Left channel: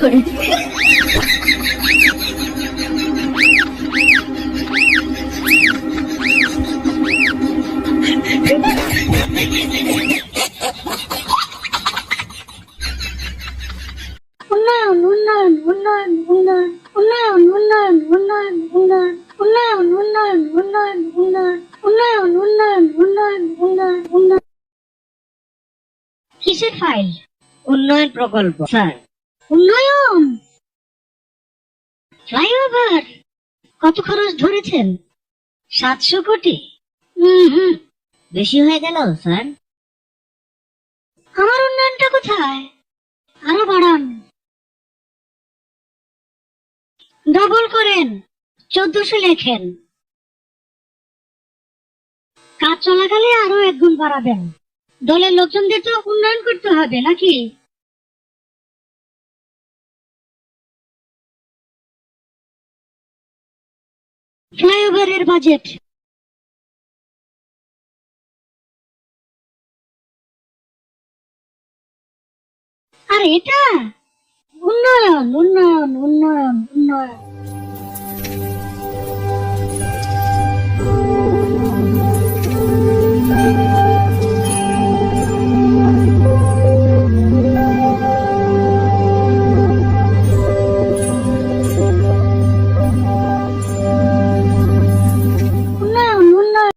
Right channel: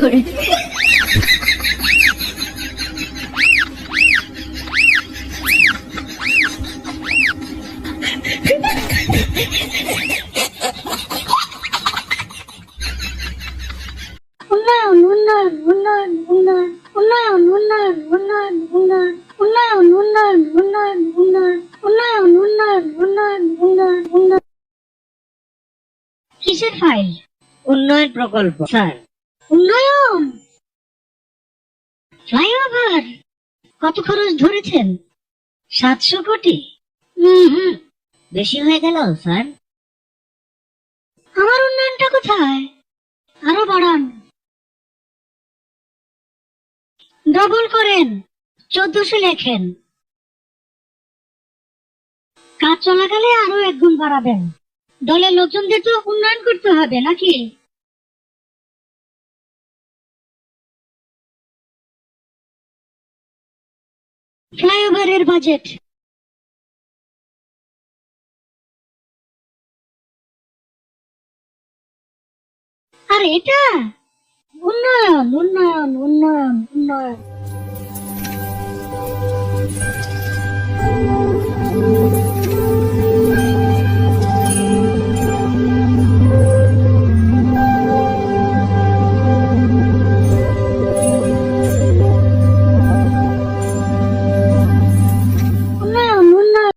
উন্নয়ন উন্নয়ন উন্নয়ন উন্নয়ন উন্নয়ন উন্নয়ন উন্নয়ন উন্নয়ন উন্নয়ন উন্নয়ন উন্নয়ন উন্নয়ন উন্নয়ন উন্নয়ন উন্নয়ন উন্নয়ন উন্নয়ন। কিসের ফাইল? উন্নয়ন প্রকল্প স্যার। উন্নয়ন ফ্লাইওভার কত খরচ ধরেছেন? 700 কোটি। হুম, বেশি হয়ে গেল স্যার। আমার উন্নয়নটা কোথায়? আরো বাড়ান, ডবল করেন, 1400 লেখেন। কাজ চলাকালে আরো 1 গুণ বাড়াবেন। দলের লোকজনদের তো উন্নয়ন করতে হবে নাকি? ফ্লাইওভারের বাজেট আর এটা উন্নয়ন উন্নয়ন উন্নয়ন উন্নয়ন।